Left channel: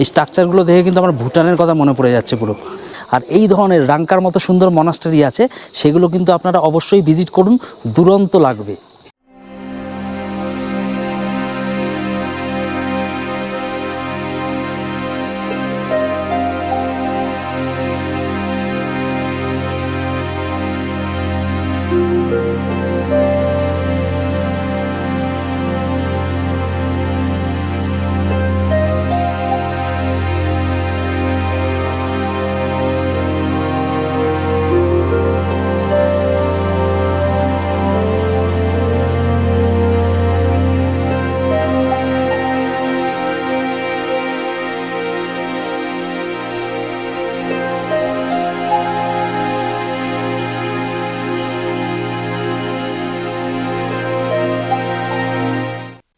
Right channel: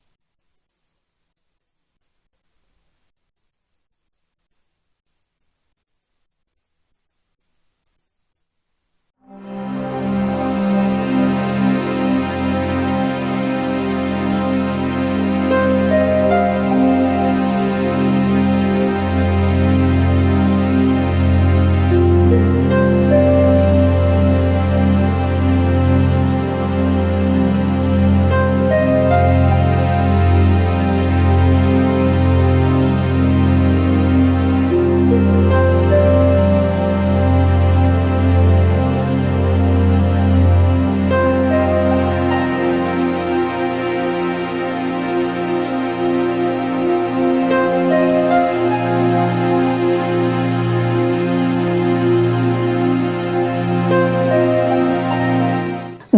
এই স্ট্রাকচারগুলো দেখে কিন্তু আমার ভুটানের কথা মনে পড়ে যাচ্ছে পুরো। আর এই ধরনের রাঙ্কার মতো সুন্দর মনাস্টারি আছে, সেগুলো কিন্তু আপনারা অবশ্যই ভিজিট করুন, দুরন্ত লাগবে।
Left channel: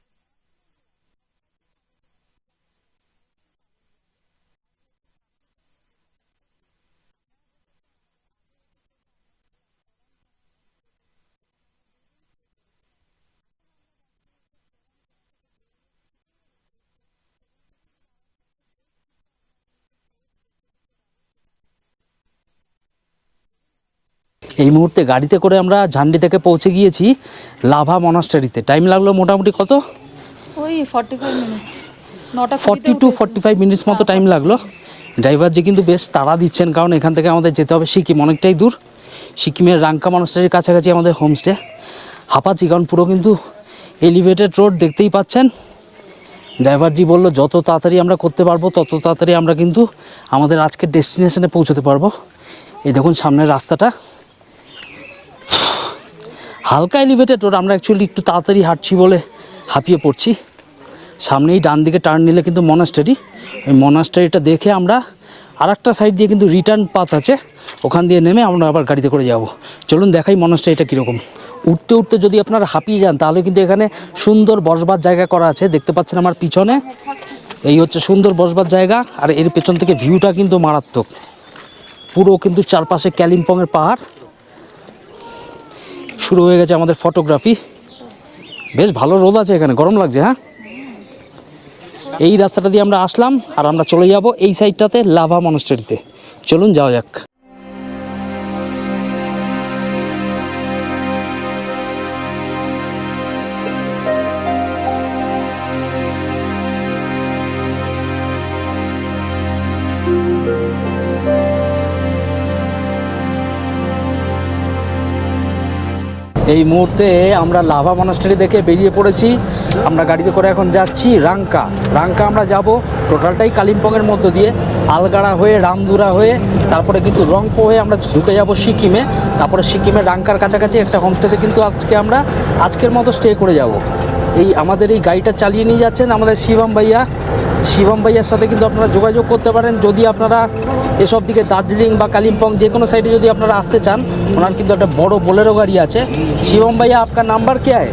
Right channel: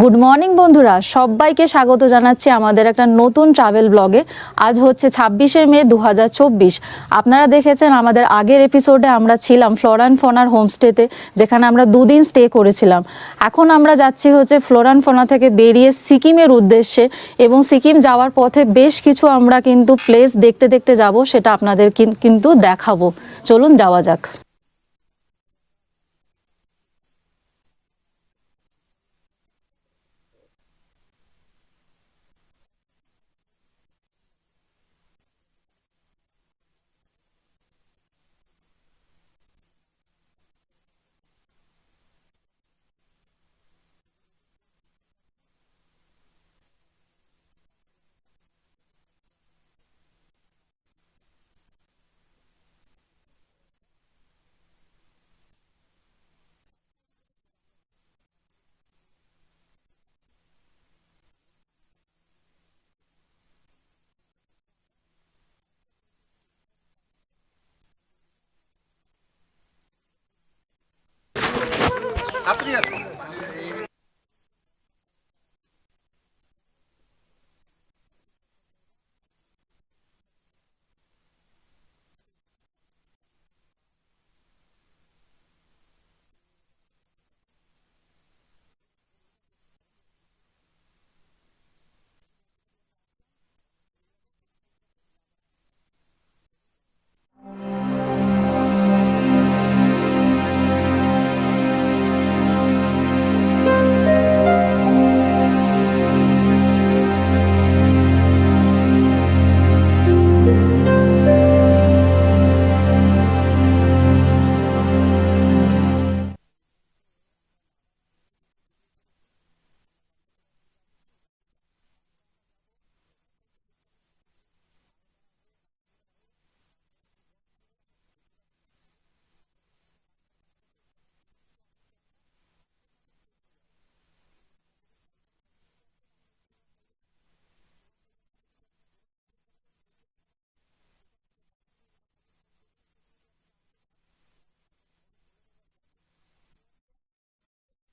গুড মর্নিং বন্ধুরা, সবাইকে স্বাগত জানাচ্ছি আমাদের একটা নতুন ট্রাভেল ব্লগে। আজ হচ্ছে 26শে মে 2024। আপনারা দেখেছেন আমাদের আগের এপিসোডে আমরা ছিলাম ফ্লোরা অ্যান্ড ফনার হোমস্টেতে, যেখানে আমরা 2 দিন স্টে করেছিলাম। এখন আমরা যাচ্ছি হচ্ছে ফ্লোরা অ্যান্ড ফনা থেকে বেরিয়ে সিকিমের উদ্দেশ্যে, এবং সিকিম যাওয়ার পথে বেশ কিছু আমরা কিন্তু প্লেস দেখতে দেখতে যাব, সেটা আপনাদের কিন্তু দেখাবো। চলুন যাওয়া যাক। এই মুহূর্তে গাড়িতে করে আমরা ঝান্ডি থেকে পৌঁছে গিয়েছি লাভা মনাস্টারিতে। টাইম লাগলো মোটামুটি কত? ওই 45 মিনিটস, 40 to 45 মিনিটস মতো টাইম লাগলো। ড্রাইভার যে কিন্তু বেশ তাড়া দিচ্ছেন, কারণ এখান থেকে আমাদের যেতে হবে সিকিম, অনেকটাই দূর। সিকিমের রাঙ্কা মনাস্টারির কাছাকাছি আমাদের হোমস্টে। হাঁপাচ্ছি কারণ পুরো কিন্তু এলিভেটেড রোড, দেখতেই পাচ্ছেন। ড্রাইভারজি বললো যত তাড়াতাড়ি আমরা করতে পারবো তত তাড়াতাড়ি আমরা কিন্তু আমাদের আজকের ডেস্টিনেশনে পৌঁছতে পারবো। এই দেখুন সামনের রাস্তাটা হালকা এলিভেটেড রোড, আমরা অ্যাকচুয়ালি একটু তাড়াতাড়ি হাঁটছি বলে হাঁপিয়ে পড়ছি। সামনেই ডান দিকে টার্ন নিলে কিন্তু মনাস্টারি, ওই মনাস্টারিটা দেখে আমরা আর একটা সাইড দিয়ে কিন্তু রিটার্ন পাথ আছে, ওখান দিয়ে নেমে আমরা আবার গাড়িতে করে যাব। চলুন দেখাই মনাস্টারিটা কীরকম। উঠতে উঠতে যদি আপনারা হাঁপিয়ে যান তাহলে কিন্তু এখানে সুন্দর বসবার জায়গা করা আছে, দেখতে পাচ্ছেন আমার পিছনে। এই হচ্ছে সুন্দর বসবার জায়গা, আর এর পেছন থেকে ভিউটা কিন্তু মারাত্মক। পুরো কিন্তু চারপাশে কালিম্পংয়ের পাহাড়। শুরু হয়ে গেছে আমাদের ফটোগ্রাফি। বেশ ভালো রোদ আছে এখানে, গরম লাগছে। হ্যাঁ, এই রাস্তাটা দিয়ে আমরা আসলাম আর আমরা চলে যাব এই সাইডটাতে লাভা মনাস্টারিতে। চলুন যাওয়া যাক। এই মুহূর্তে আমরা লাভা মনাস্টারি দেখে বেরিয়ে পড়েছি। আমরা গাড়িতে করে এখন যাচ্ছি রাঙ্কা। আমরা যাব টোটালটাই কালিম্পংয়ের মধ্য দিয়ে, আলগাড়া হয়ে, রামদুরা হয়ে, তারপরে কিন্তু রংপো হয়ে আমরা ঢুকে যাব সিকিমে। তারপরে সিকিমের রাঙ্কার কাছাকাছি একটা হোমস্টেতে কিন্তু আমরা আজকের মতো স্টে করে যাব। এই আমাদের এই গাড়িটা চালিয়ে নিয়ে যাচ্ছেন আমাদের শিবম ভাইয়ার সাথে কিন্তু আপনারা যোগাযোগ করতে পারেন যদি আপনারা এসব দিকে দার্জিলিং বা কালিম্পং যে কোনো সাইডে যদি আপনারা আসতে চান। ওনার কিন্তু একটা বড় বোলেরো গাড়ি আছে। শিবম ভাইয়া, আপনার নাম্বার क्या है?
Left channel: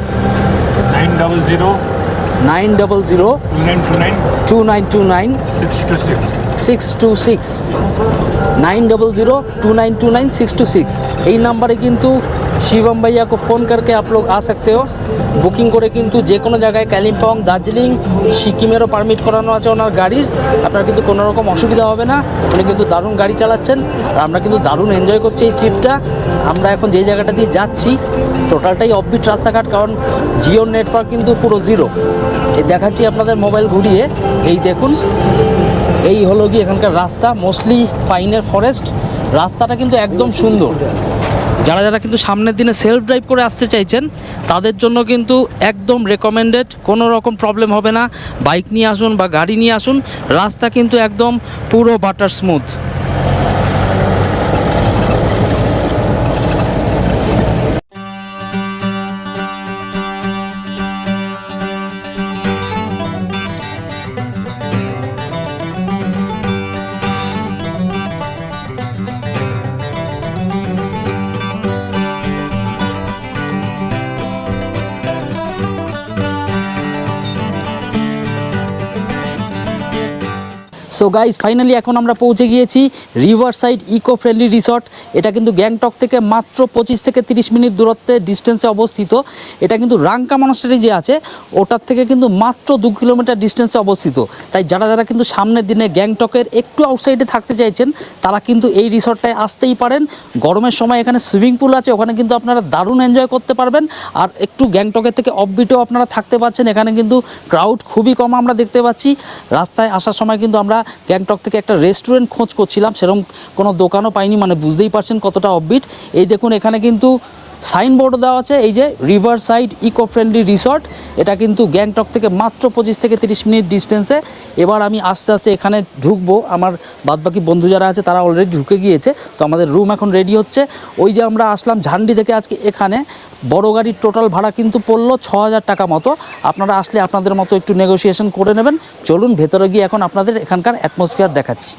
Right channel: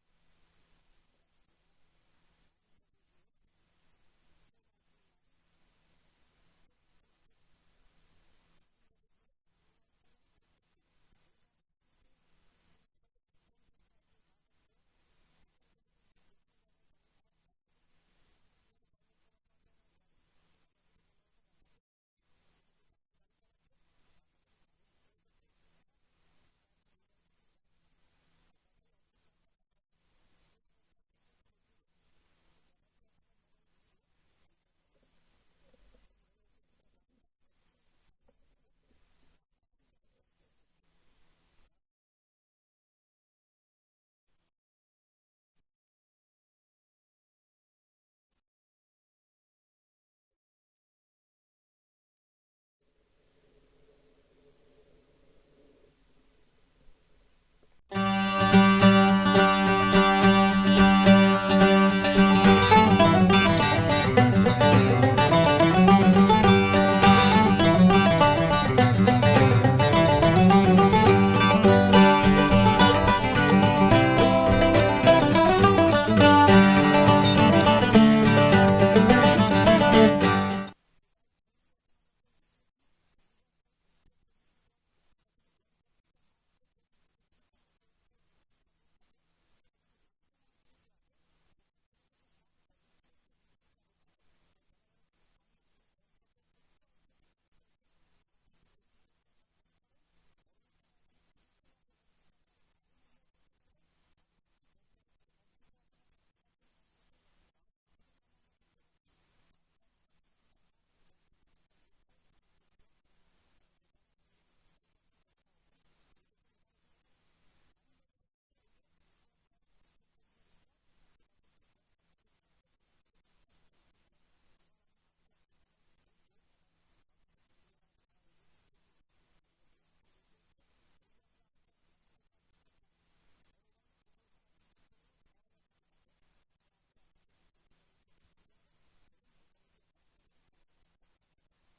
900-2929-626 900-2929-626। এই নাম্বারে কিন্তু शिवम भैया को फ़ोन करके आप लोग आ सकते हो। বুকিং করে কিন্তু যে কোনো জায়গায় কালিম্পং, দার্জিলিং, সিকিমেরও পারমিট করানো আছে ওনার গাড়ির। আপনার কিন্তু কোনো রকম অসুবিধা হবে না। উনি কিন্তু দারুণ গাড়ি চালাচ্ছেন আর আমরা কিন্তু দারুণ এনজয় করছি এই ট্রিপটা। আমরা এখন যে জায়গাটা দিয়ে যাচ্ছি টোটালটাই অফবিট রাস্তাঘাট, কারণ জিও নেটওয়ার্ক কিন্তু পুরো জিরো। এই দেখাচ্ছি আপনাদের মোবাইল ঘুরিয়ে, এই দেখুন এই হলো কি এখানকার রাস্তা, মোস্টলি পাইনের ফরেস্ট। রাস্তাটা কিন্তু একদম সুন্দর। যারা কিন্তু সামনের দিনে সেলফ ড্রাইভ করে আসতে চাইছেন তাদের জন্য কিন্তু একদম রেকমেন্ডেড, কোনো রকম প্রবলেম হবে না। বাইক নিয়ে আসুন বা গাড়ি নিয়ে আসুন, রাস্তা কিন্তু একদম পুরো butter smooth. So guys finally এখন আমরা পৌঁছে গিয়েছি river side eco friendly resort. এটা কিন্তু গ্যাংটক থেকে মাত্র 25 থেকে 30 মিনিট দূরত্বে ডিস্টেন্সে অবস্থিত। এটা কিন্তু রাংকা মনাস্টারি যে আছে ওটার থেকে কিন্তু মাত্র 2 কিলোমিটার ডিস্টেন্সে অবস্থিত। তাই যারা যারা কিন্তু সামনের দিনে গ্যাংটকের একটু আউটসাইডে থাকতে চাইছেন তারা কিন্তু এই রিসর্টটায় আসতেই পারেন। গরমের সময় এখানে সুইমিং পুল আছে, ওখানে কিন্তু আপনারা দারুণ এনজয় করতে পারবেন। আর একটু গ্যাংটকের থেকে অফবিটেও আপনারা থাকতে পারছেন। এখানে কিন্তু ক্রাউড খুবই কম আমরা দেখতে পাচ্ছি। রাস্তায় আসার সময় কিন্তু আমরা গ্যাংটক থেকে একটা রেস্টুরেন্ট খোঁজ করছিলাম, সেরকম কোনো দোকানও পাইনি, মানে বুঝতেই পারছেন কতটা অফবিট। এই দেখুন এখানে কিন্তু সাইনবোর্ডও দেওয়া আছে, এই যে river side eco friendly resort. এটা কিন্তু গ্যাংটক থেকে মাত্র 25 থেকে 30 মিনিট ডিস্টেন্সে। এবার আমি আস্তে আস্তে এখানে ঢুকবো। আমার বাদবাকি বন্ধু যারা আছে তারা অলরেডি ঢুকে গিয়েছে। তো আমাদের রুম এখন রেডি হচ্ছে। ওই যে আমরা আসলাম ঝান্ডি থেকে, আজকে এখানে বড় গাড়ির টোটাল ভাড়া কিন্তু পড়লো 6000 টাকা মতো। আপনারা আসলে আপনাদের মতো একটু নেগোসিয়েশন করে নেবেন। চলুন ভেতরে গিয়ে এখন আপনাদের এখানকার অ্যাটমসফিয়ার দেখাচ্ছি।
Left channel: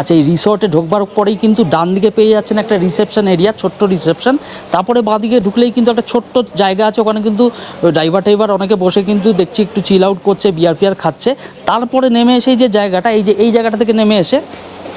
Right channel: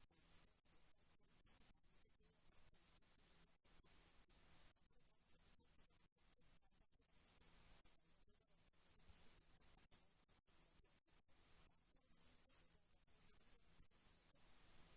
আচ্ছা, এই রিসর্টে ঢোকবার পরেই কিন্তু ডান দিকে পেয়ে যাচ্ছেন একটা রিসেপশন এরিয়া, ছোট্ট রিসেপশন। তারপরে বাঁদিকে ঢুকলেই কিন্তু একটা ছোট্ট জায়গা আছে, ওখানে কিন্তু ড্রাইভার অনেকে বসে কিন্তু দেখছি একটু চিল আউট করছে, বিয়ার ফিয়ার খাচ্ছে। তারপরে নেমে এসে যে জায়গাটা, এই জায়গাটা থেকে নেমে এসে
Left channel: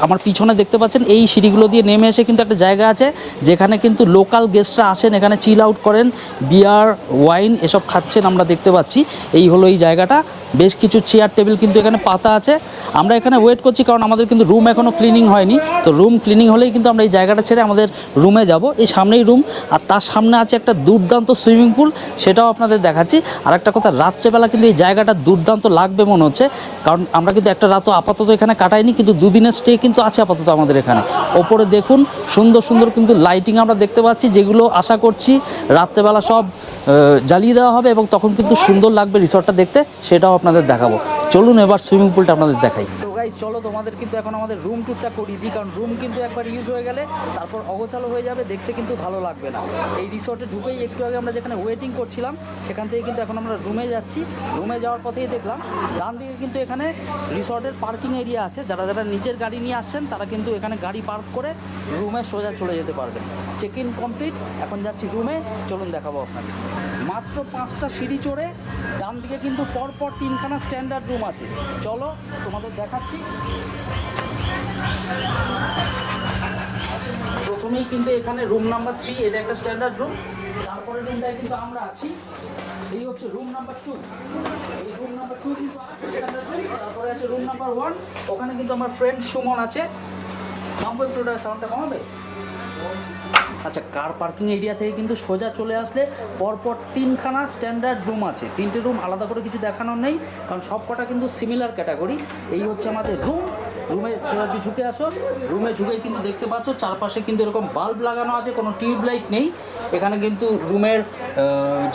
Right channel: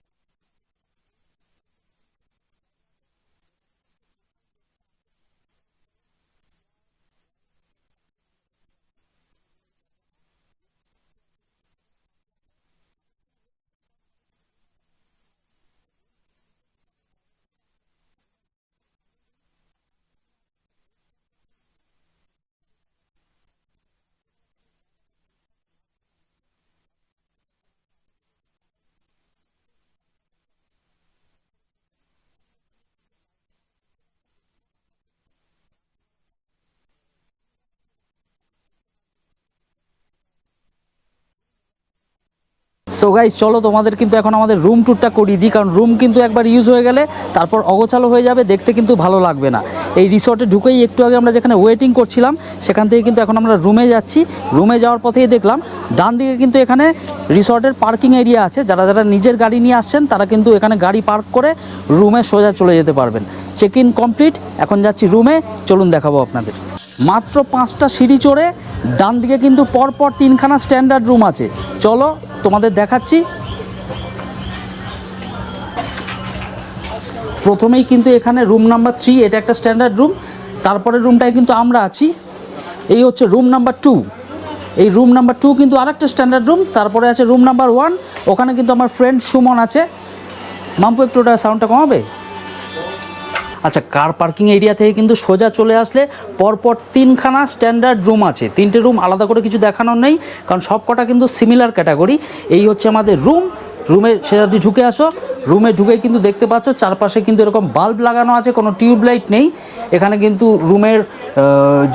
আমার পিছনে দেখতে পাচ্ছেন এই সিঁড়িগুলো দিয়ে নেমে এসে কিন্তু একটা জায়গা আছে যেখানে কিন্তু লোকাল গেস্টরা আসেন, এখানে চিল আউট করেন, বিয়ার ওয়াইন এসব খাচ্ছেন আমরা দেখতে পাচ্ছি। এই হলো এই জায়গাটা। বেশ কিছু চেয়ার টেবিল কিন্তু এখানে পাতা আছে। আমরা এখানে ওয়েট করছি কারণ আমাদের কিন্তু রুম এখনও ক্লিনিং হয়নি। তো রুম ক্লিনিং হলেই কিন্তু আমরা এই জায়গাটা ছেড়ে আমাদের রুমে যাব। এই সামনেই রুম, আর তার সামনে আছে একটা দুর্দান্ত সুইমিং পুল, সেটাও আপনাদের দেখাচ্ছি। আর একটা কথা, রাত্রেবেলা কিন্তু এই জায়গাটা দুর্দান্ত লাগবে মনে হচ্ছে, কারণ আমরা কিন্তু একটা রাতও আপাতত এখানে কাটাইনি, কিন্তু দুদিনের স্টে কিন্তু আছে আপাতত আমাদের এখানে। ওপরে দেখুন সুন্দর সুন্দর কিন্তু লাইটিং আমরা দেখতে পাচ্ছি, যেগুলো আশা করছি রাত্রেবেলা সব জ্বালিয়ে দেওয়া হবে এবং তখন কিন্তু সুন্দর লাগবে রিসর্টটা দেখতে, সেটাও আপনাদের দেখাবো। চলুন এবার সুইমিং পুলটা আপনাদের দেখাই। সো গাইস চলো তোমাদের কিন্তু এখন আমাদের রুম ট্যুরটা করিয়ে দিই, কারণ রুম কিন্তু একবার ইউজ হয়ে গেলে তারপর অগোছালো হয়ে যাবে, দেখতে কিন্তু ভালো লাগবে না। এই রিসর্টে ঢুকেই একটু আগে আমরা যেখানে ওয়েটিং করছিলাম সেখান থেকে কিন্তু এখন আমরা রুমে যাচ্ছি। রুমে যাওয়ার পথেই দেখলাম ডান দিকে কিন্তু এখানে রিসর্টের পার্কিং এরিয়া আছে। যারা যারা নিজের গাড়ি নিয়ে আসছেন তারা কিন্তু এখানে গাড়ি পার্ক করে রুমে সোজা চলে যেতে পারবেন। চেক ইন কমপ্লিট, এখন যাচ্ছি রুমে। চলুন দেখাবো আপনাদের। মাত্র 5টা সিঁড়ি চড়ে ডান দিকে কিন্তু পরপর 3খানা স্ট্যান্ডার্ড রুম আছে। চলো তোমাদের দেখাচ্ছি। প্রথমেই কিন্তু এখানে রুম নাম্বার 3, এটা একটা স্ট্যান্ডার্ড রুম। তারপরে রুমটায় কিন্তু আমরা আছি, এই হচ্ছে রুম নাম্বার 2। এই রুম নাম্বার 2 কিন্তু আরেকটা স্ট্যান্ডার্ড রুম। তারপরে আছে রুম নাম্বার 1, ওখানে কিন্তু আমার ফ্রেন্ড সুমন আছে। মাম্পু একটু ওটা সাউন্ডটা কমাবে। আচ্ছা, কার পার্কিং এরিয়া থেকে কিন্তু সোজা চলে আসলে পরপর 3খানা স্ট্যান্ডার্ড রুম আছে। 3টে রুম আলাদা করে কিছু দেখানোর নেই, কারণ সব কটা কিন্তু সিমিলার ক্যাটাগরি। এই হচ্ছে আমাদের রুম। রুমে সে যদি ঢুকে আসো, রুমে ঢুকেই কিন্তু দেখতে পাচ্ছ চারপাশে কিন্তু এরকম বাল্ব লাগানো আছে, কোনো টিউবলাইট নেই। এখানে কিন্তু রুমের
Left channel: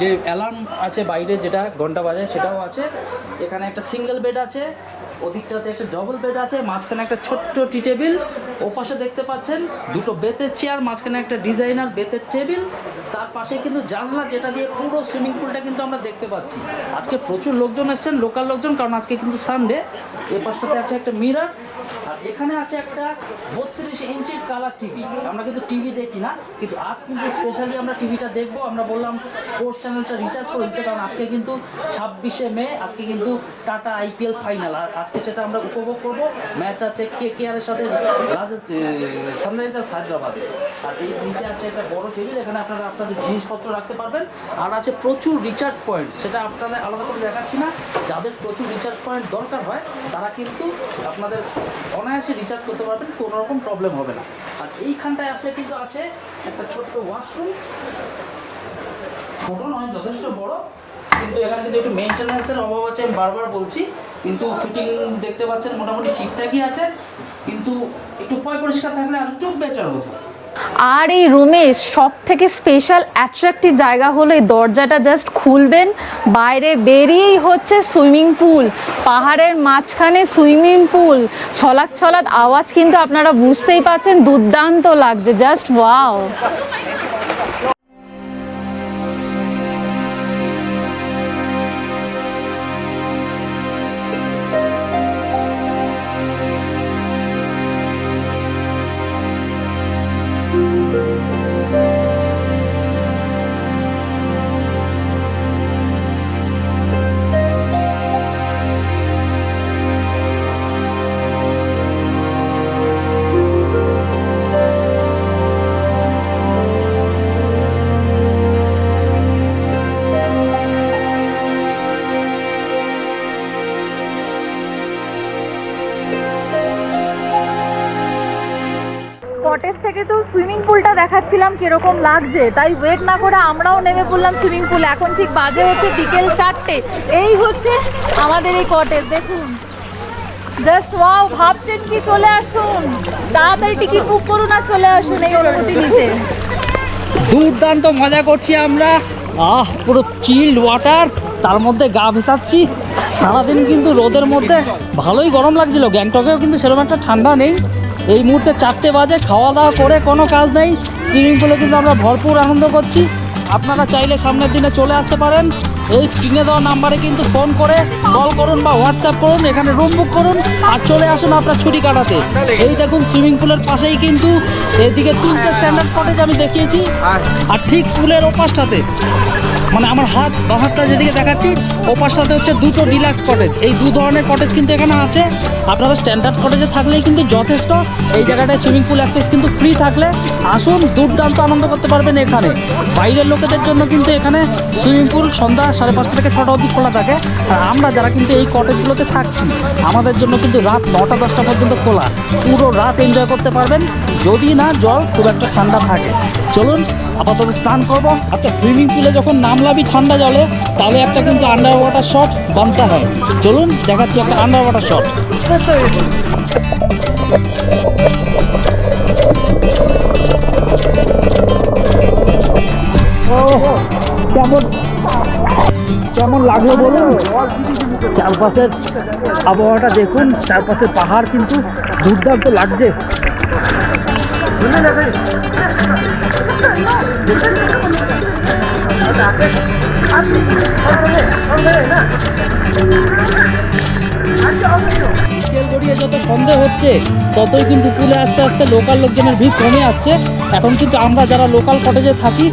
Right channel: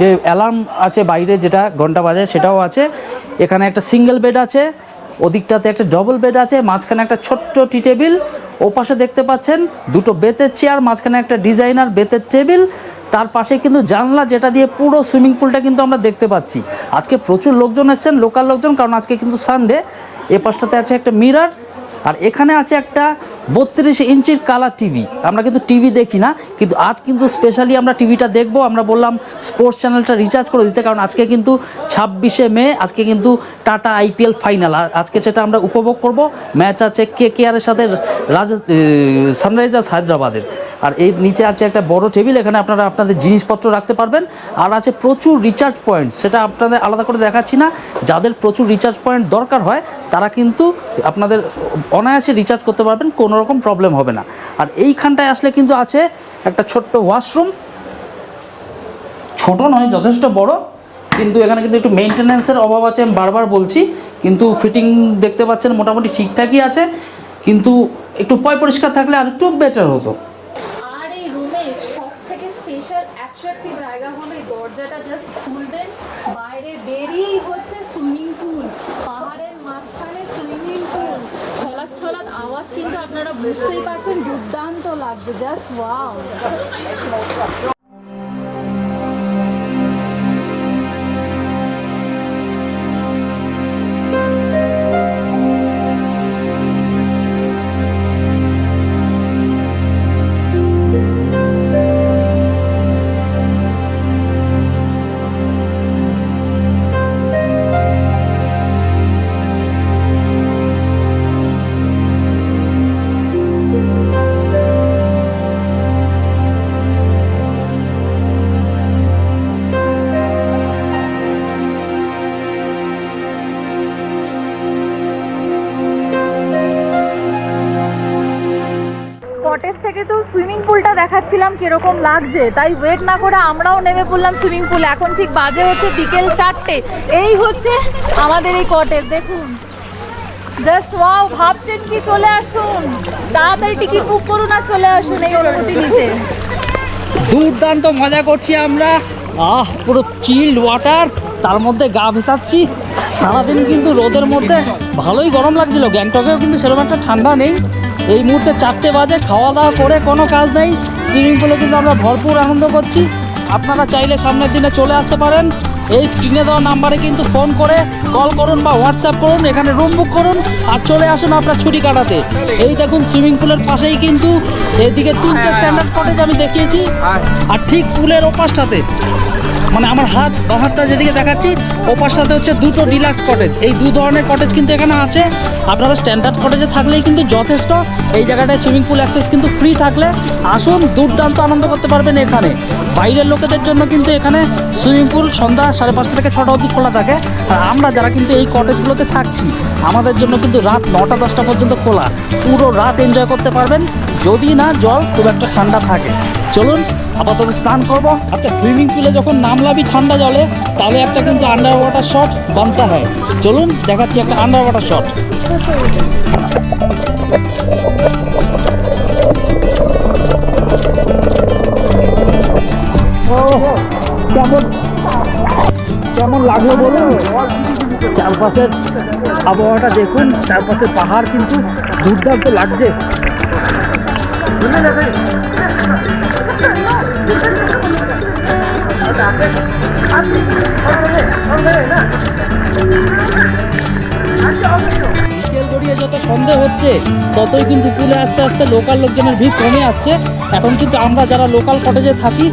যে অ্যালার্ম আছে বাইরে, যেটা ঘন্টা বাজে, সেটাও আছে। এখানে একটা সিঙ্গেল বেড আছে, ওদিকটাতে একটা ডবল বেড আছে, মাঝখানে একটা ছোট্ট টি টেবিল। ওপাশে দেখতে পাচ্ছেন দুটো বেতের চেয়ার, মাঝখানে একটা ডিজাইনার বেতের টেবিল। তার পাশে কিন্তু জানলা, যেটা দিয়ে পুরো সুইমিং পুলটা কিন্তু আমরা দেখতে পাচ্ছি। আজকে প্রচুর লোকজন এসেছেন, লোকাল লোকজন, কারণ আজকে কিন্তু সানডে। এ পাশটাতে আছে একটা মিরর, আর এখানে আছে একটা 32 ইঞ্চির কালার টিভি। আমরা কিন্তু টিভি দেখি না, কিন্তু আজ কিন্তু স্পেশালি আমরা টিভিটা দেখবো। আমরা বললাম স্পোর্টস চ্যানেলটা রিচার্জ করে দিতে, কারণ আজকে কিন্তু 26শে মে, আজকে কিন্তু টাটা IPL ফাইনাল। আর আজকে সেটা আমরা উপভোগ করব। ম্যাচ আছে KKRের সাথে সানরাইজার্স হায়দ্রাবাদের। আর এই নিচে আছে একটা বড় টেবিল, এখানে আপনারা আপনাদের জিনিসপত্র রাখতে পারবেন। আর আছে প্রচুর রিচার্জ পয়েন্ট, সেটা আপনাদের আলাদা করে দেখাচ্ছি না। যাদের প্রচুর রিচার্জ পয়েন্ট দরকার হয় তারা কিন্তু আপনাদের অনায়াসে রিচার্জ করতে পারবেন, কোনো রকম প্রবলেম হবে না। আর এইখানটায় আসলে কিন্তু আছে একটা ছোট্ট ওয়াশরুম, ছোট নয়, যথেষ্ট বড়, কিন্তু এখানে কিন্তু একটু মেনটেন্যান্সের অভাব আছে, আমি বারবার বলছি। কিন্তু ফিটিং দেখতে পাচ্ছেন মোটামুটি ঠিকঠাকই আছে, কিন্তু একটু পরিষ্কার থাকলে আর একটু বেটার হতো। আর এই রুমের সব থেকে স্পেশাল অ্যাট্রাকটিভ জায়গা হলো এই দরজাটা জাস্ট খুলবেন, বাইরে বেরিয়েই হচ্ছে সুইমিং পুল। পাহাড়ের মাঝখানে সুইমিং পুল, ছলাৎ ছলাৎ আওয়াজ কিন্তু আপনারা বুঝতেই পাচ্ছেন, দুর্দান্ত লাগছে, জাস্ট ওয়াও। পুলটা দেখাচ্ছিলাম কিরকম লাগছে, তাই ওয়েট না করে আমরাও নেমে পড়লাম সুইমিং পুলে। এখন ঠিক বাজে হচ্ছে বিকেল 4টে। এই হচ্ছে আমাদের এই কটেজ, দেখুন জাস্ট ওয়াও। ভাবছেন কি, চলে আসুন, তাড়াতাড়ি টিকিট বুক করুন আর চলে আসুন এই অনুমতি নিতে। দুর্দান্ত মজা করছি আমরা, পুরো চিল্ড ওয়াটার, তার মধ্যে গা ভেসাচ্ছি। সারাদিন কিন্তু রোদের মধ্যে ভালোই গরম লাগছিল, গ্যাংটকেও কিন্তু সেরকম একটা ঠান্ডা নেই। এই মুহূর্তে 4টে বাজে, খাওয়া দাওয়া করে কোনো কাজ নেই, সুইমিং পুলে কিন্তু আমরা ভরপুর আনন্দ করছি। আপনারা চাইলে সামনের দিনে চলে আসতে পারেন। এই স্ক্রিনে দেওয়া নাম্বারে কিন্তু ফোন করে কল করুন বা হোয়াটসঅ্যাপ করুন, এখানে রুম বুক করুন আর চলে আসুন আপনার ছুটি কাটাতে। এই দেখুন সুইমিং পুলের পাশেই কিন্তু এদিকে 3টে স্ট্যান্ডার্ড কটেজ আমি দেখিয়েছি, আর ঠিক পুলের ওপাশটাতে, মানে আমার বাঁ হাতটা যেদিকে দেখাচ্ছি ওপাশটাতে হচ্ছে 2টো ডিলাক্স কটেজ। এই 2 ধরনের কটেজ কিন্তু এখানে আছে। আপনারা স্ট্যান্ডার্ড কটেজে থাকলেই কিন্তু যথেষ্ট। এই জায়গাটায় সুইমিং পুল অ্যাক্সেস কিন্তু ফ্রি থাকলে আসুন, দুর্দান্ত আনন্দ করতে পারবেন এখানে। বাইরের লোকেদের জন্য কিন্তু এখানে সুইমিং পুল সন্ধ্যা 5:30 থেকে 6টা অবধি খোলা থাকে, আর আমরা যারা কিন্তু এই কটেজগুলোতে থাকছি আমাদের জন্য কিন্তু রাত 9টা-10টা পর্যন্ত খোলা। পুরো রাত এনজয় করতে পারবেন, যদি না জল খুব একটা ঠান্ডা থাকে। চলুন আপাতত স্নান করবো। আচ্ছা, সুইমিং পুলে যখন নামলামই ঠান্ডা জলে, তাহলে একটা কিন্তু আন্ডার ওয়াটার শট বানতে হয়। চলুন দেখাচ্ছি একটা আন্ডার ওয়াটার শট। কেমন কেমন লাগলো বলুন? চারপাশের আবহাওয়াটা দেখুন, চারপাশের পাহাড় কিন্তু দুর্দান্ত লাগছে। বিকেল গড়িয়ে যত সন্দেহ হচ্ছে ততই কিন্তু পুলে আস্তে আস্তে লোকাল লোকজনের ভিড় কমে আসছে। এখন কিন্তু আমরা যারা লোকাল কটেজে থাকি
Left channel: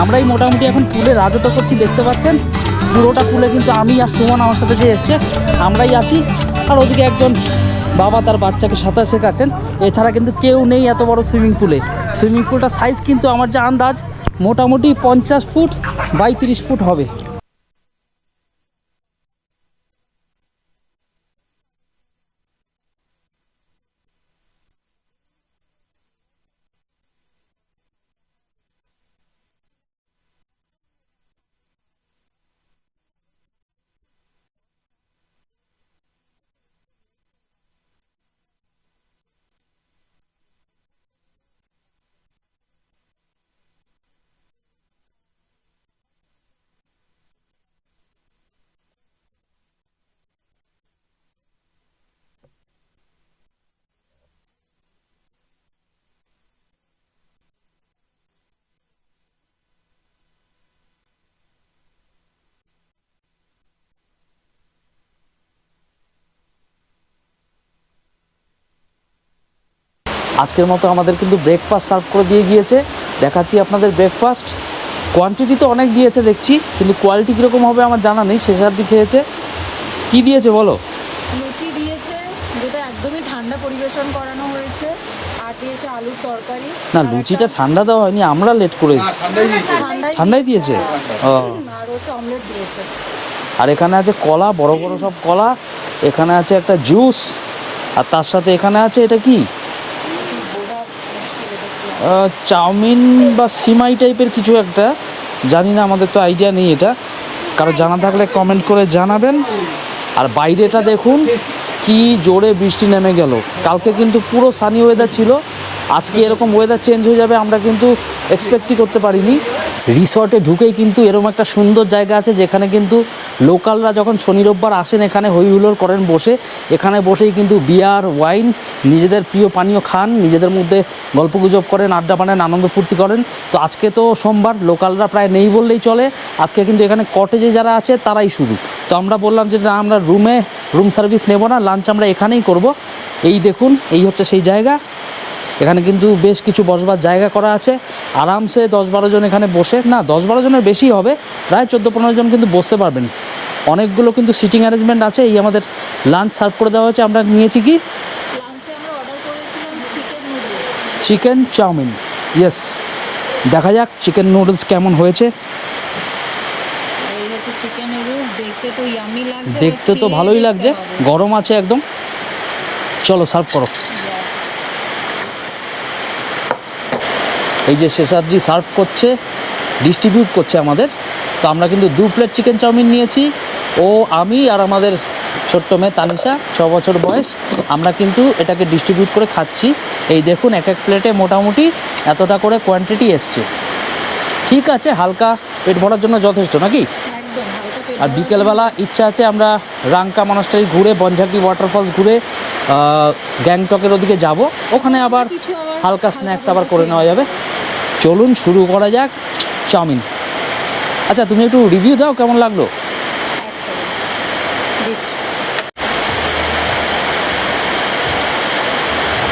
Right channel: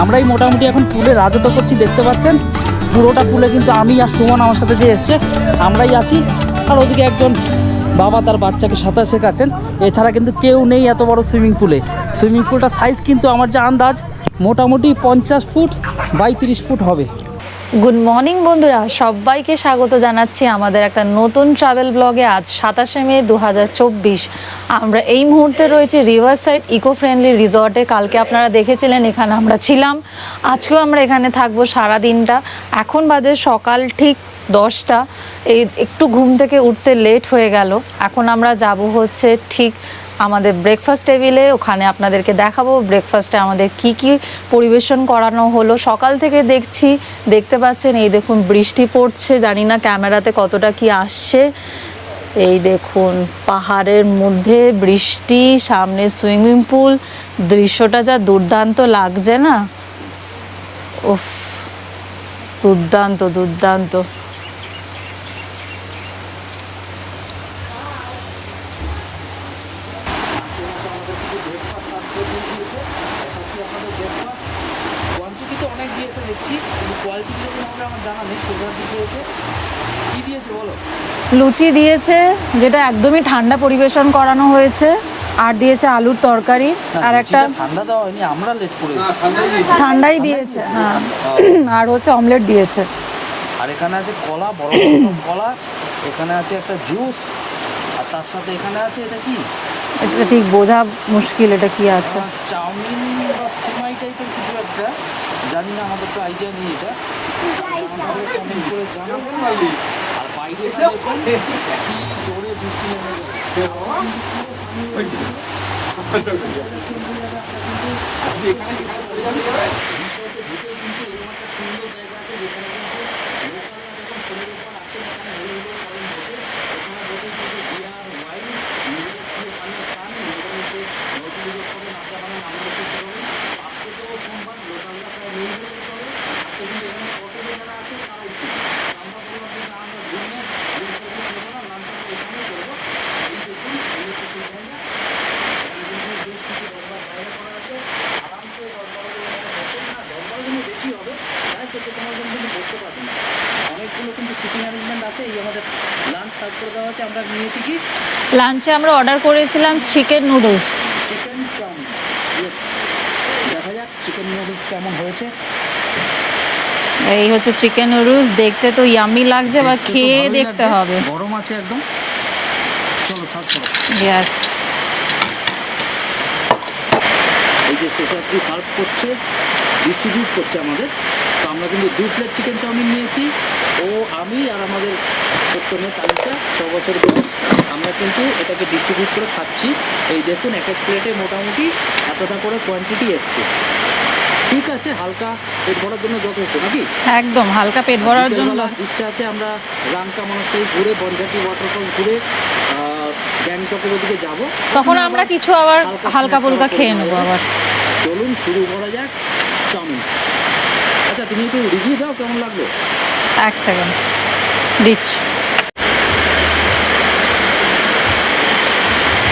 আমরাই মোটামুটি এখন পুলে রাজত্ব করছি, দেখতে পাচ্ছেন। পুরোটা পুলে কিন্তু আমি আর সুমন আমার সাথে যে এসছে আমরাই আছি, আর ওদিকে একজন বাবা তার বাচ্চাকে সাঁতার শেখাচ্ছেন। এছাড়া কিন্তু কেউ নেই এত বড় সুইমিং পুলে। সুইমিং পুলটার সাইজ কিন্তু আমার যা আন্দাজ মোটামুটি 50 ফুট বাই 30 ফুট হবে। গুড মর্নিং বন্ধুরা, সবাইকে স্বাগত জানাচ্ছি আমাদের একটা নতুন ট্রাভেল ব্লগে। আজ 27শে মে 2024। আমরা এই মুহূর্তে রয়েছি রিভার সাইড ইকো ফ্রেন্ডলি রিসর্টে। কালকে আপনারা দেখেছিলেন এখানে আমরা ছিলাম, আজকেও আমরা এখানে থাকবো সারা দিনটা। এখন বাজে সকাল ঠিক 10টা। এই একটু ঘুম থেকে উঠতে লেট হয়ে গেল। এখন আমরা যাব হচ্ছে ঠিক আমাদের ব্রেকফাস্ট টেবিলে, ওখানে আপনাদেরকে দেখাবো ব্রেকফাস্টে আমাদের কি কি পরিবেশন করানো হলো। সকাল থেকে দেখতে পাচ্ছেন, এই দেখুন বৃষ্টি পড়ছে, জানি না ক্যামেরাতে কতটা কি আসছে। এই দেখুন পাহাড়ের মধ্যে বৃষ্টি, সামনে সুইমিং পুল, দৃশ্যটা যা দুর্দান্ত লাগছে না, উফ দুর্দান্ত দুর্দান্ত। আজকের মতো আমাদের কিন্তু ব্রেকফাস্ট সার্ভ করে দিয়ে গিয়েছে, দেখাচ্ছি আপনাদের ব্রেকফাস্ট। কোয়ান্টিটি তো অনেক দিয়েছে দেখছি, কিন্তু কোয়ালিটি কীরকম হবে আমার জানা নেই। শেষার্দি খেয়েছে, কি দিয়েছে বলো? লুচি দিয়েছে, যেটা একদমই ঠান্ডা পরিবেশন করানো হয়েছে, আর দিয়েছে আলুর তরকারি। আর একটা ঠান্ডা দেওয়া হয়নি, আমরা লেট করে এসেছি, ঠান্ডাই দিয়েছে। আর হচ্ছে অমলেট দিয়েছে। আর এখানে আছে কলা, বড় বড় সব কলা। এখানে আছে একটা জুস, আর তার সাথে এখানে আছে এটা কি, এটা ঠিক বোঝা মুশকিল, এটা কি আছে, চাউমিন বা সিমাই টাইপের কিছু একটা, জানি না, আমাদের তো আইডিয়া নেই। এটা কারো জানা থাকলে কমেন্ট করে জানাবেন। আর বাইরেটা দেখুন কি জোরে বৃষ্টি নেমে গেল। কালকে কিন্তু পুরো সানি ওয়েদার ছিল, আজকে এরকম ওয়েদার চেঞ্জ হয়ে যাবে আমরা কিন্তু এক্সপেক্টই করতে পারিনি। রিসর্টে ঢুকেই কিন্তু এরকম একটা সুন্দর জায়গা আছে, যেখানে কিন্তু লোকালরা যখন শনি রোববার আসেন এখানে হই হুল্লোড় করেন বসে। এখানে বসেই কিন্তু বিয়ার, ওয়াইন, নিজেদের প্রিয় পানীয় খান, নিজেদের মধ্যে গল্পগুজব করেন, আড্ডা পানেন, আনন্দ ফুর্তি করেন। তো আজকে তো সোমবার, লোকালরা প্রায় নেই বললেই চলে। আজকে কিন্তু এখানে কটেজে যারা আছে তারাই শুধু। তো আমরা বললাম যে না, আমরা রুম সার্ভিস নেব না, লাঞ্চ আমরা এখানেই করব। এই দেখুন, এই হচ্ছে সেই জায়গা। এখানে কিন্তু বেশ কিছু বসবার জায়গা করা আছে, আরামসে 10-12 জন এখানে বসে, না 10-12 জনের বেশি হবে, প্রায় 14-15 জন কিন্তু বসতে পারবেন। অনেকগুলো কিন্তু সিটিং অ্যারেঞ্জমেন্ট আছে। এই আমাদের লাঞ্চ সার্ভ করে দেওয়া হয়েছে। আমরা নিয়েছি কি, লাঞ্চে আমরা অর্ডার করেছিলাম chicken noodles, chicken chowmein. Yes, দেখা যাক চিকেন নুডলস কেমন হয়েছে। এই হচ্ছে চিকেন নুডলস, দেখতে তো ইয়ামি লাগছে, বা দেখতে তো খেয়ে ভালোই দেখতে লাগছে, হবে। গরম আছে একদম। চলো সার্ভ করো। ইয়েস, এই যে শেষাদ্রি সার্ভ করছে, ডিস্ট্রিবিউট করছে আমাদের। তো আমরা কিন্তু 2 প্লেট চিকেন চাউমিন নিয়েছি, ও আমি আর আমাদের ছোট্ট মেয়ে তানিশা, 6 বছর বয়স। আমরা কিন্তু এটাকে ডিস্ট্রিবিউট করে খাচ্ছি। এই দেখুন এক এক প্লেটে মোটামুটি এতটা করে কোয়ান্টিটি এসছে। ঠিক আছে, হালকা পেট ভরার জন্য যথেষ্ট নাকি? একদম হালকা পেট আর ভরার জন্য। বিকেলবেলা ইচ্ছা আছে আমরা রাংকা মনাস্টারি ঘুরে, বনঝাটি ওয়াটারফলস ঘুরে গ্যাংটকের ওদিকে যাব, তখন ওখানে আমরা আবার কিছু আবার হালকা স্ন্যাক্স আবার ফুলকা করে খেয়ে নেওয়া নেবো যাবে। আবার। চলুন শুরু করা যাক চাউমিন। আচ্ছা তুমি একটু রিভিউ দাও কেমন লাগলো। এক সেকেন্ড দিচ্ছি।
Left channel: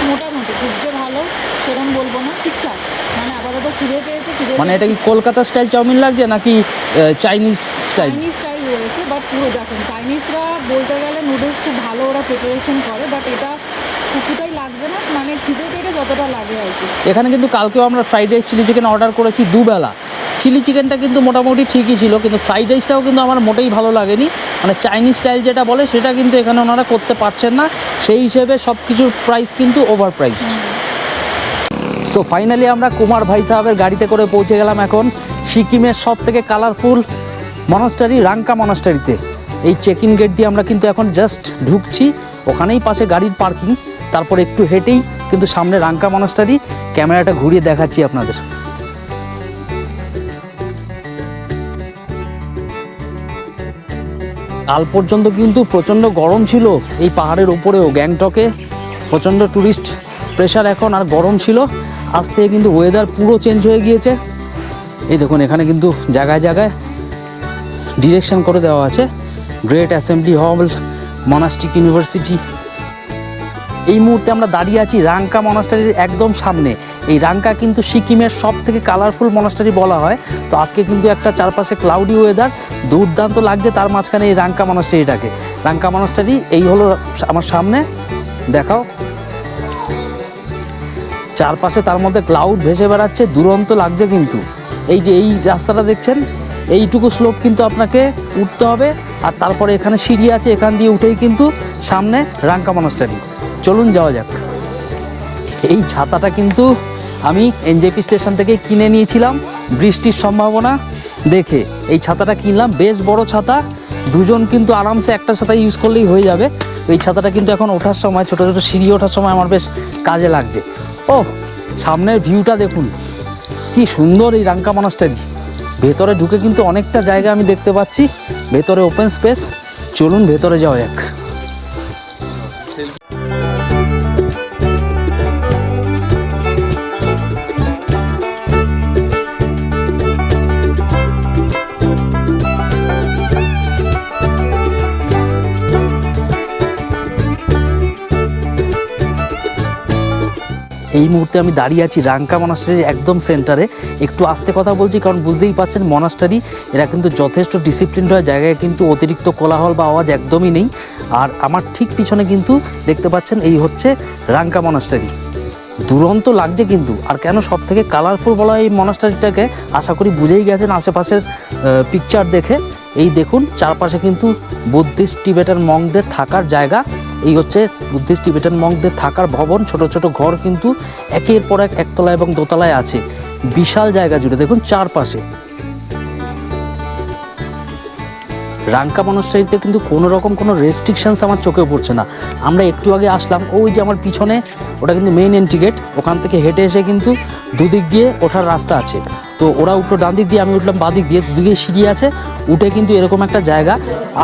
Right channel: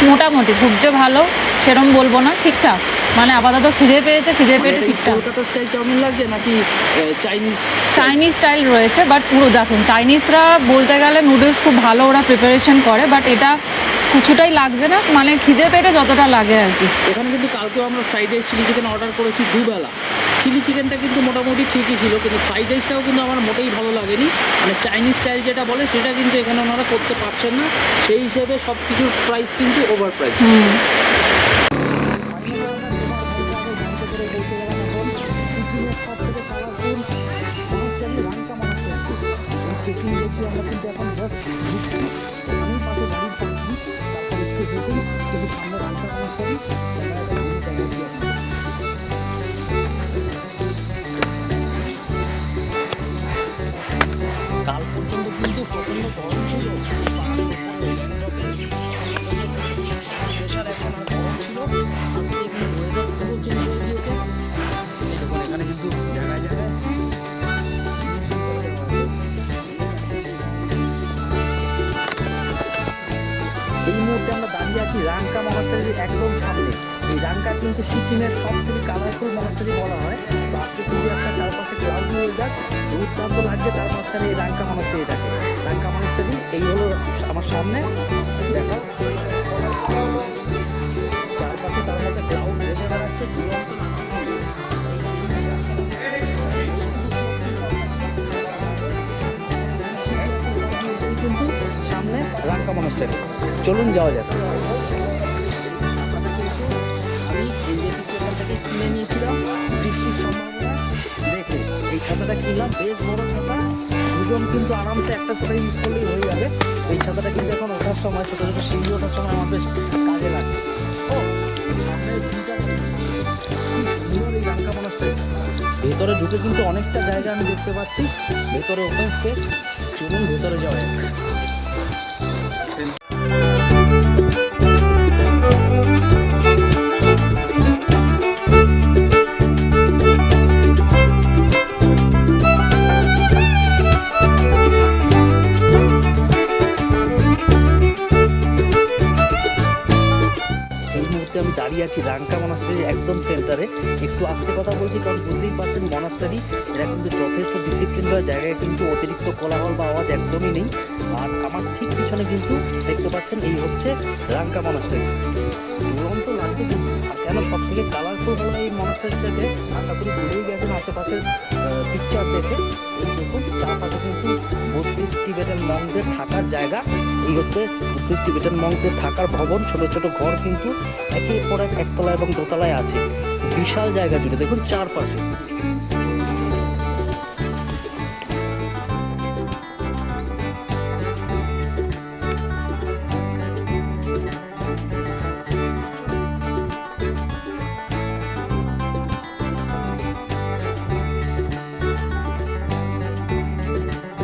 মোটামুটি খুব যে ভালো সেরকম বলবো না, ঠিকঠাক। মানে আপাতত খিদে পেয়েছে, মানে এটা কি কলকাতা স্টাইল চাউমিন লাগছে নাকি চাইনিজ স্টাইল? চাইনিজ স্টাইল রয়েছে, বাট পুরো দেখুন চাইনিজরা বলতে গেলে নুডলস খুব ভালো ওরা প্রিপারেশন করে, বাট এটা কিছুটাই লাগছে না, মানে খিদে পেটে যতটা লাগে আর কি। এখানে কিন্তু কালকেও আমরা fried rice chilli chicken order করেছি দুবেলা। চিলি চিকেনটা কিন্তু মোটামুটি ঠিকই ছিল, কিন্তু ফ্রাইড রাইসটাও কিন্তু আমার মোটেই ভালো লাগেনি। মানে চাইনিজ স্টাইল যেটা বলে সেটা কিন্তু এখানে ওনারা করতে পারছেন না, সেই হিসেবে সব কিছুর প্রাইস কিন্তু ওভার প্রাইস। সো ফাইনালি আমরা কুমার ভাই সাহেবের গাড়িতে করে পৌঁছে গেলাম এখন সিকিমের সব থেকে কালারফুল মনাস্টারি রাংকা মনাস্টারিতে। এই চেক ইন গেট দিয়ে আমরা কিন্তু এখন জাস্ট ঢুকছি, ওখানেই পাশে গাড়ির পার্কিং, তারপর একটু হেঁটেই কিন্তু সামনে রাংকা মনাস্টারি। ক্যামেরাটা ঘুরিয়ে দেখাচ্ছি আপনাদের। কাল পর্যন্ত কিন্তু প্রচণ্ড গরম ছিল এই পাহাড়ের উপরেও, গ্যাংটকে প্রচণ্ড ট্যুরিস্ট প্রেশার এখন, আর গরম ছিল। আজ থেকে কিন্তু ওয়েদার পুরো চেঞ্জ হয়ে গিয়েছে। এই দেখুন এখানে কিন্তু জায়গায় জায়গায় ডিরেকশন করে দেওয়া আছে, গ্রেট অ্যাসেম্বলি হল, মনাস্টিক ইউনিভার্সিটি। এই মুহূর্তে আমরা দাঁড়িয়ে আছি রাংকা মনাস্টারির একদম সামনে। এই রাংকা কিন্তু সিকিমের সব থেকে কালারফুল মনাস্টারি বলা হয়। তো আজকে কিন্তু একটা চারপাশে ক্লাউডি ওয়েদার, দুর্দান্ত লাগছে, তার মাঝখানে এই রাংকা মনাস্টারিটাকে। রাংকা মনাস্টারি এই হলো আমার সামনে, দেখাও চারপাশে, তার মধ্যে ক্লাউড ভেসে বেড়াচ্ছে, দুরন্ত লাগছে কিন্তু। এই যে এই রাস্তাটা দেখছেন, এইটুকু স্লোপ কিন্তু আপনাকে উঠতে হবে, আর তারপরে এখানে সিঁড়ি আছে, এখান দিয়ে উঠেই কিন্তু সামনে রাংকা মনাস্টারি। চলুন যাওয়া যাক। এই ছাতাটা কিন্তু আমি এনজেপি স্টেশন থেকে কিনে নিয়েছিলাম বৃষ্টির সম্ভাবনা দেখে। এই ছাতাটা কিনলাম, বেশ বড় ছাতা, দুজন কিন্তু আরামসে একটা ছাতা ইউজ করলেই হয়ে যাবে। এই ছাতাটা কিন্তু এখন ওঠার সময়, ছোটো ছোটো সিঁড়ি ওঠার সময় আমার বেশ কাজে লাগছে। ও সামনের ভিউটা দেখুন কি সুন্দর এই রাংকা মনাস্টারি। ভেতরে ঢুকে কিন্তু অনেকটা জায়গা আমি দেখতে পাচ্ছি, ভেতরে ওপেন স্পেস। চলুন ভেতরে যাওয়া যাক। এই মুহূর্তে আমি দাঁড়িয়ে আছি রাংকা মনাস্টারির একদম সেন্টারে। একটু আস্তে কথা বলছি কারণ বুঝতেই পারছেন মনাস্টারি এরা কিন্তু যথেষ্ট ডিসিপ্লিন হয়, জায়গায় কিন্তু অতিরিক্ত কোলাহল বা আওয়াজ একদমই নেই। আর আমার ঠিক পিছনে কিন্তু দেখতে পাচ্ছেন এই হচ্ছে রাংকা মনাস্টারি। দুরন্ত লাগছে কিন্তু। আর কেন সব থেকে কালারফুল বলা হয় এই মনাস্টারিটাকে, আশা করি বুঝেই গেছেন আশেপাশের পিকচার দেখে। এই দেখুন চারপাশে কিন্তু বুদ্ধিস্ট টিবেটান মঙ্কদের থাকার জায়গা। এই হচ্ছে বুদ্ধিস্ট টিবেটান মঙ্কদের থাকার ভবন, ছোট ছোট ঘর কিন্তু একের পর এক একতলা এবং দোতলায় আছে, বিশাল জায়গা জুড়ে দেখুন চারপাশে। রাংকা মনাস্টারিতে কিন্তু কোনো রকম কোনো রেস্ট্রিকশনস আমার চোখে পড়ছে না। আমরা একটু আগে আসলাম, ওই যে আমার পিছনে ওটা কিন্তু মেইন এন্ট্রি গেট, ওখান থেকে হেঁটে এসে কিন্তু দুদিক দিয়ে ওঠার রাস্তা আছে। তো ওরা উঠলো ডান দিক দিয়ে, আমি উঠলাম বাঁ দিক দিয়ে, দুদিকে সিঁড়ি আছে। উঠে কিন্তু এরকম একটা জায়গা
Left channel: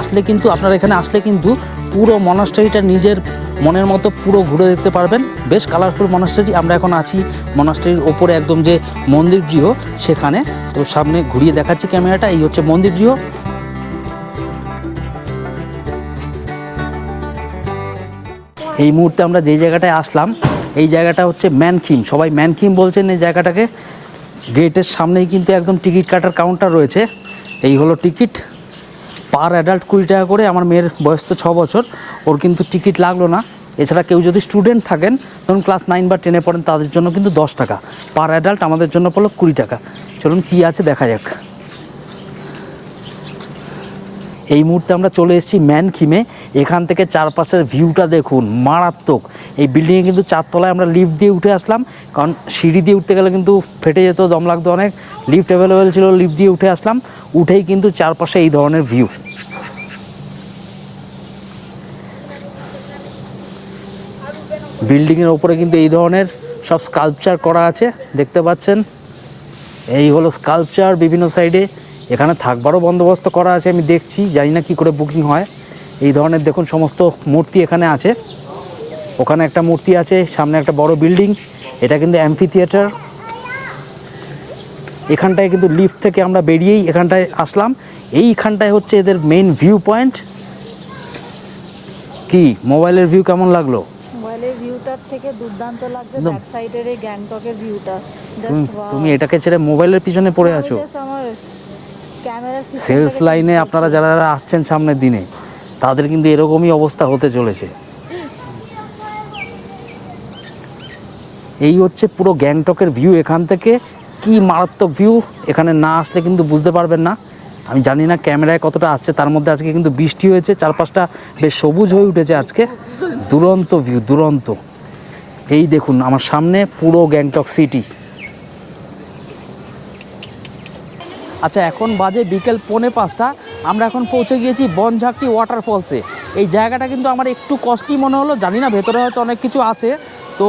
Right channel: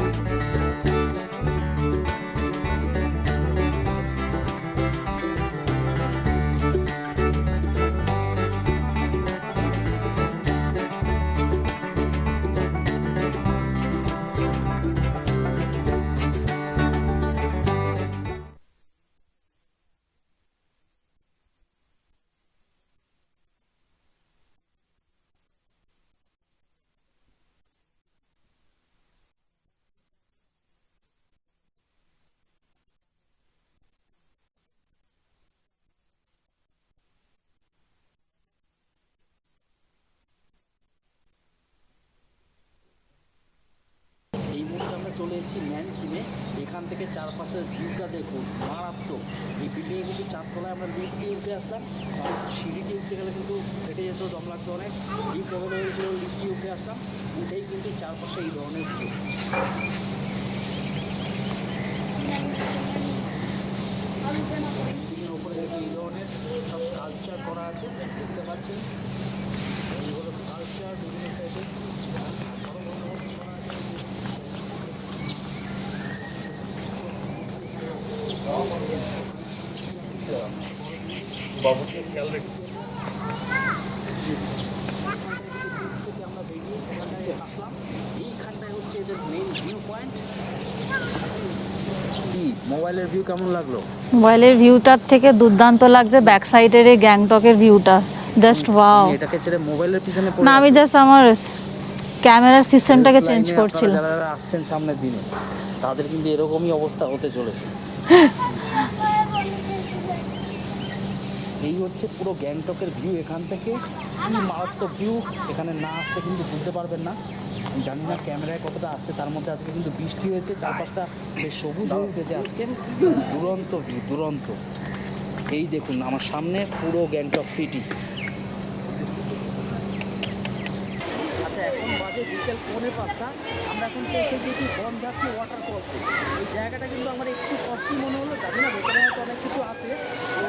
আসলে কিন্তু আপনারা এখানে আসলে কিন্তু পুরো মনাস্টারিটা নিজের মনের মতো পুরো ঘুরে দেখতে পারবেন। বেশ কালারফুল মনাস্টারি। আমরা এখন আছি মনাস্টারির ওপরে একদম যে মন্দির গৃহ সেখানে। তো সামনে ঘুরিয়ে দেখাচ্ছি ক্যামেরাটা, এই হচ্ছে মন্দির গৃহ। এই মুহূর্তে আমরা যেই জায়গাটায় আসলাম এই জায়গাটা হচ্ছে ম্যানকিম, সবাই ম্যানকিম বলছেন এই জায়গাটাকে। গেটের সামনেই কিন্তু একদম টিকিট কাটার কাউন্টার রয়েছে। এই হলো টিকিট, পার অ্যাডাল্ট 20 টাকা করে। আমার মেয়ের বয়স তো 6 বছর, ওর কিন্তু টিকিট লাগলো না। এছাড়া কেউ যদি স্টুডেন্ট থাকেন, ধরুন ক্লাস 9 বা 10-এ পড়েন, তাদের জন্য কিন্তু 10 টাকা পার অ্যাডাল্ট, আমাদের জন্য পড়লো 20 টাকা। চলুন কী আছে দেখা যাক। এই মুহূর্তে আমরা চলে এসেছি ম্যানকিমে। এখান থেকে চারপাশের ভিউটা দেখুন, মারাত্মক। এই বিল্ডিংয়ে কিন্তু 4 তলায় আমরা লিফট দিয়ে উঠে আসলাম, কারণ সিঁড়ি দিয়ে উঠতে গেলে কিন্তু ফেটে যেত, দম লাগতো অনেক। লিফট অ্যাভেলেবেল ছিল, লিফট দিয়ে উঠে আসলাম। উঠেই কিন্তু চারপাশে এই ধরনের ভিউ। বিল্ডিংয়ের ওপরে কিন্তু এই ধরনের সব স্কাল্পচার করা আছে, দেখতে পাচ্ছেন। এই হলো স্কাল্পচার বিভিন্ন সাইডে। এখানে থাকবারও বন্দোবস্ত করা আছে, আমি দেখছি, জানি না কী করে বুকিং হয়। এই ধরনের দেখুন সমস্ত মূর্তি এখানে আছে। ওখানে একটা মূর্তি আছে, সামনে একটা বড় বিল্ডিং। এটা কিন্তু অ্যাম্ফি থিয়েটার। এখানটায় কিন্তু লিফট থেকে আমরা বেরিয়েই এখানটায় আসলাম। এইখানটায় হচ্ছে এদের মেইন ভিউ পয়েন্ট। কি মোবাইলের ভিউ কেমন লাগলো? মোবাইলের ভিউটার থেকে দুর্দান্ত লাগছে ব্যাক সাইডের এই গ্যাংটকের ভিউটা, জাস্ট ওয়াও। তুমি এটাকে ছেড়ে মোবাইলের পিছনে পড়ে না, আছো। আমি জাস্ট আমার ক্যামেরার সিস্টেমটাকে চেঞ্জ লাইনে করছি। আপনারা যারা আসছেন সামনের দিনে, তাদের কিন্তু এরকমই অবস্থা হতে চলেছে। এই হচ্ছে পুরো গ্যাংটকের ভিউ। এখান থেকে কি মারাত্মক ভিউ, এখানে না আসলে কিন্তু বুঝতে পারবেন না। আমি জানি না ক্যামেরায় কতটা আসছে, তার মধ্যে আজকে কিন্তু বৃষ্টি হয়েছে, চারপাশটা বেশ সবুজ হয়ে উঠেছে আজকে। দুরন্ত ভিউ, দুরন্ত। এই দেখুন আমার সামনে পুরো গ্যাংটক সিটি। আচ্ছা, এখন বাজে বিকেল 4:45। আমরা এখন পৌঁছে গিয়েছি বনঝাঁকটি ওয়াটারফলসে। এই জায়গাটা কিন্তু আমার একটু কস্টলি মনে হলো, জানি না ভেতরে হয়তো অনেক কিছু আছে। তো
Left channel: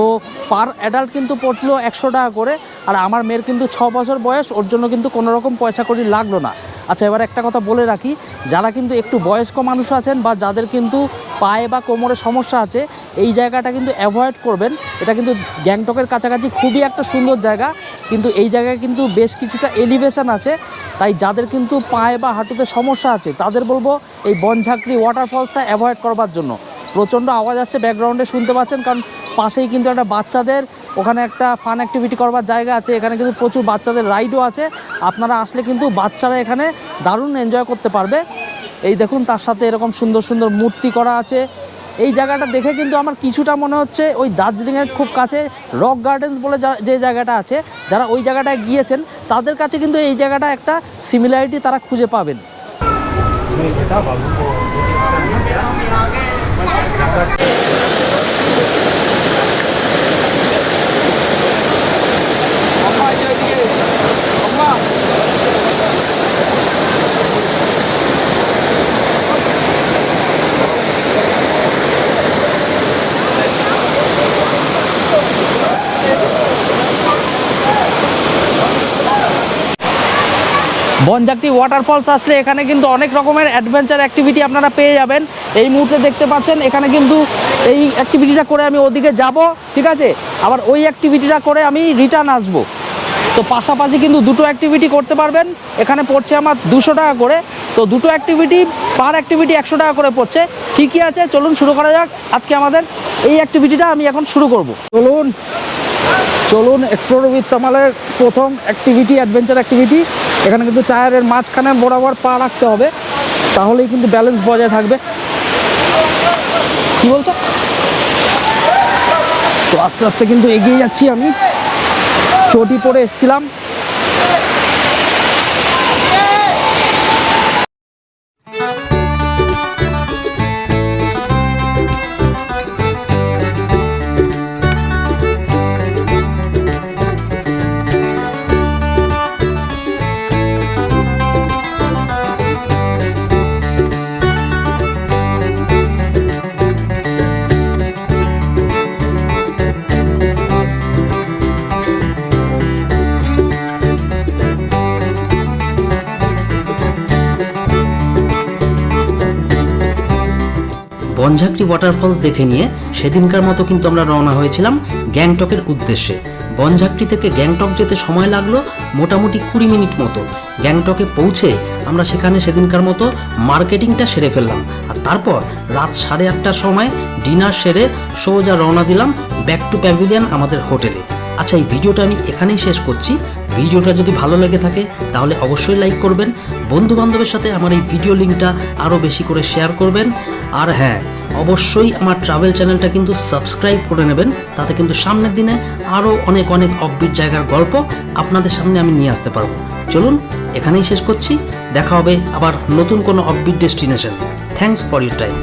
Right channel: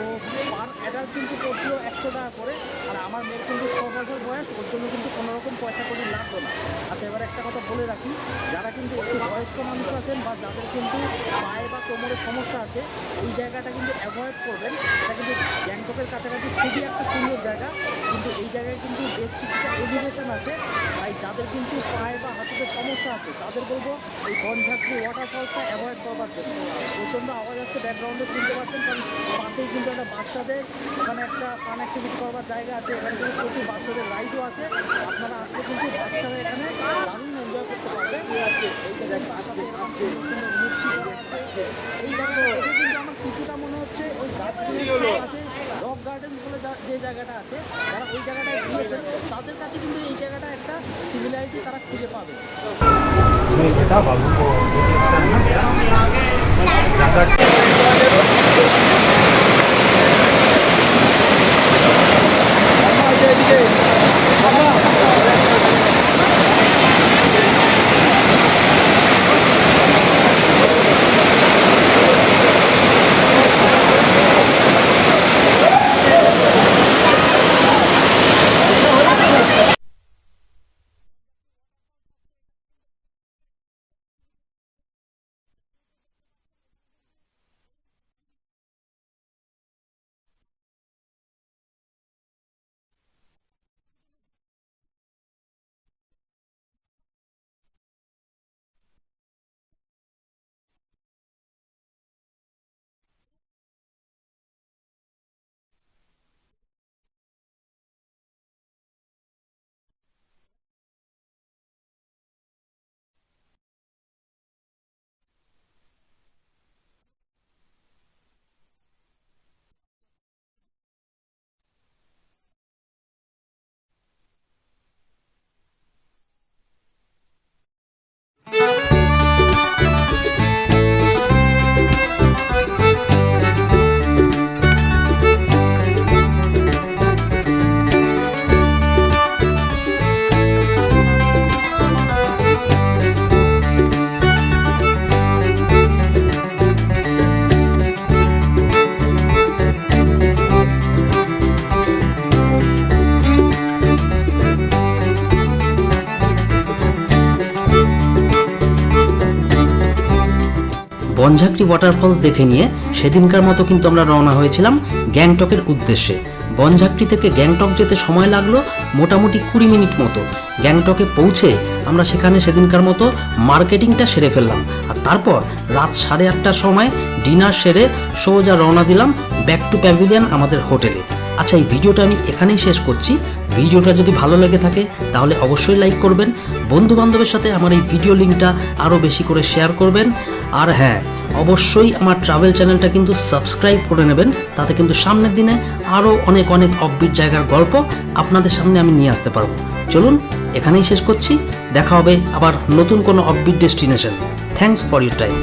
পার অ্যাডাল্ট কিন্তু পড়লো 100 টাকা করে। আর আমার মেয়ের কিন্তু 6 বছর বয়স, ওর জন্য কিন্তু কোনো রকম পয়সা কড়ি লাগলো না। আচ্ছা, এবার একটা কথা বলে রাখি, যারা কিন্তু একটু বয়স্ক মানুষ আছেন বা যাদের কিন্তু পায়ে বা কোমরে সমস্যা আছে, এই জায়গাটা কিন্তু অ্যাভয়েড করবেন। এটা কিন্তু গ্যাংটকের কাছাকাছি খুবই একটা সুন্দর জায়গা, কিন্তু এই জায়গায় কিন্তু বেশ কিছুটা এলিভেশন আছে। তাই যাদের কিন্তু পায়ে বা হাঁটুতে সমস্যা আছে, তাদের বলবো এই বনঝাঁকড়ি ওয়াটারফলসটা অ্যাভয়েড করবার জন্য। প্রচণ্ড আওয়াজ আসছে ব্যাকগ্রাউন্ডে, শুনতে পাচ্ছেন, কারণ পাশেই কিন্তু একটা বাচ্চাদের ওখানে একটা ফান অ্যাক্টিভিটি করবার জায়গা আছে। এখানে কিন্তু প্রচুর বাচ্চাদের রাইডও আছে। আপনারা আসলে কিন্তু বাচ্চারা এখানে দারুণ এনজয় করতে পারবে। এই দেখুন, তার সাথে এরকম সুন্দর সুন্দর মূর্তি করা আছে। এই জায়গাটা দেখে কিন্তু আমার কিছুটা মনে হচ্ছে ওই দার্জিলিংয়ের খুব কাছে রক গার্ডেন্স বলে যে জায়গাটা আছে, যারা ওই জায়গাটায় গিয়েছেন তাদের কাছে কিন্তু এই জায়গাটা একটা সিমিলারিটি তারা খুঁজে পাবেন। বনঝাঁকড়ি ওয়াটারফলস আসলে এখানে কিন্তু অনেক রকমের অ্যাডভেঞ্চার অ্যাক্টিভিটি আপনারা পেয়ে যাবেন। এই মুহূর্তে দেখতে পাচ্ছেন এখানে কিন্তু এই অ্যাক্টিভিটিটা করে আমি ওদিকে যাব, ঠিক আছে, আবার ওই অ্যাক্টিভিটিটা করে আমি রিটার্ন আসব। তো পাশাপাশি কিন্তু দুটো অ্যাক্টিভিটি করতে পারবেন। এখানে পড়ছে আমার 200 টাকা করে। তো দুটো অ্যাক্টিভিটি, পার অ্যাক্টিভিটি 100 টাকা করে পড়ছে। ঠিকই আছে, চলুন শুরু করা যাক আজকে আমাদের এই অ্যাক্টিভিটিটা। আমি এখন শুরু করব। চলুন এক্সপ্লোর উইথ তামালের প্রথম অ্যাক্টিভিটি, অ্যাডভেঞ্চার অ্যাক্টিভিটি। এখানে কিন্তু টায়ারের মাঝখানে বরাবর পা রাখতে হবে, তাহলেই কিন্তু ব্যালেন্স বজায় থাকবে। কি বলছো? তো আস্তে আস্তে কিন্তু এগিয়ে যাচ্ছি আমি। চটি পরে এসেছিলাম। বনঝাঁকড়ি ওয়াটারফলস দেখে নিয়ে সেদিনকার মতো কিন্তু আমরা রওনা হয়েছিলাম গ্যাংটকের উদ্দেশ্যে। বনঝাঁকড়ি থেকে গ্যাংটক যেতে সময় লাগলো মোটামুটি 20 মিনিট মতো। গ্যাংটকে পৌঁছে আমরা সেখানে সেদিনকার মতো মার্কেটিংটা সেরে ফেললাম, আর তারপর রাত 8:30টার সময় ডিনার সেরে সোজা রওনা দিলাম ব্যাক টু প্যাভিলিয়ন আমাদের হোটেলে। আচ্ছা, এই ভিডিওটা আমি এখানেই শেষ করছি। ভিডিওটা যদি ভালো লেগে থাকে তাহলে অবশ্যই লাইক করবেন, বন্ধু বান্ধবের সাথে আমার এই ভিডিও লিঙ্কটা আরও বেশি করে শেয়ার করবেন। আর হ্যাঁ, অবশ্যই আমার ট্রাভেল চ্যানেলটা কিন্তু সাবস্ক্রাইব করে নেবেন, তাতে কিন্তু সামনের দিনে আরও অনেক অনেক অফবিট জায়গার গল্প আপনাদের সামনে আমি নিয়ে আসতে পারবো। চলুন এখানেই শেষ করছি, দেখা হবে আবার নতুন কোনো offbeat destination. Thanks for your time.